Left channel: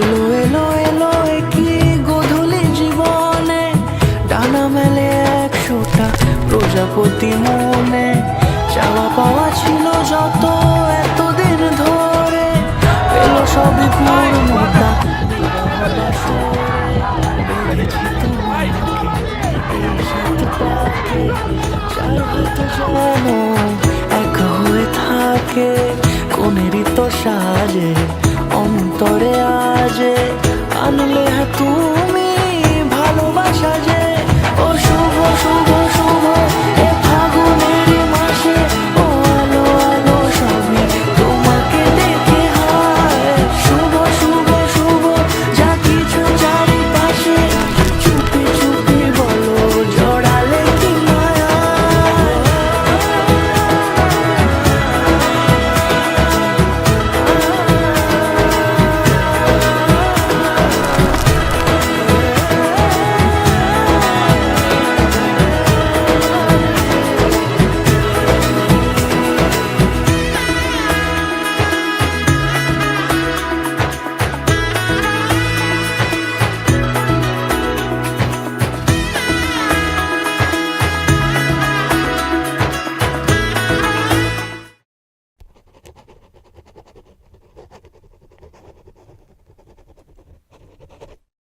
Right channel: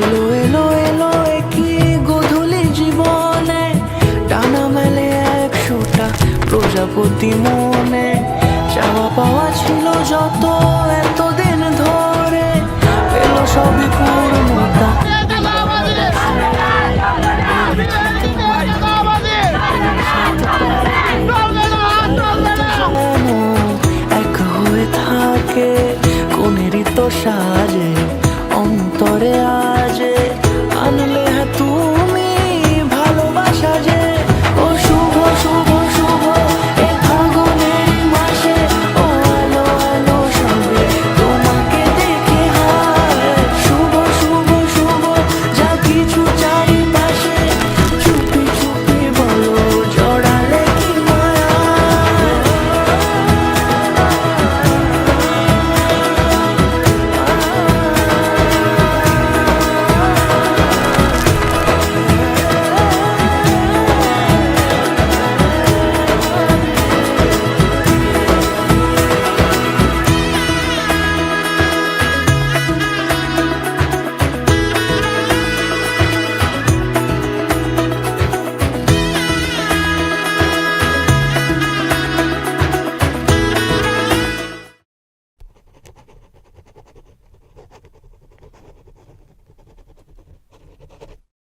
এলো এলো এলো একই গধূলি জীবনে, ডানা মেলে 100টা প্রজাপতি মনে। চাওয়া পাওয়া ছিল যত এতদিন ধরে, পেল সবই পূর্ণতা বিবাহ বাসরে। বেঁধেছি তোমাকে এই 7 পাকে, 4 হাত যেন এক হয়ে থাকে। কোনেরই তো সাজে অন্তরে আজে, আনলে তুমি ভালোবাসা যে। ও শুভ শুভ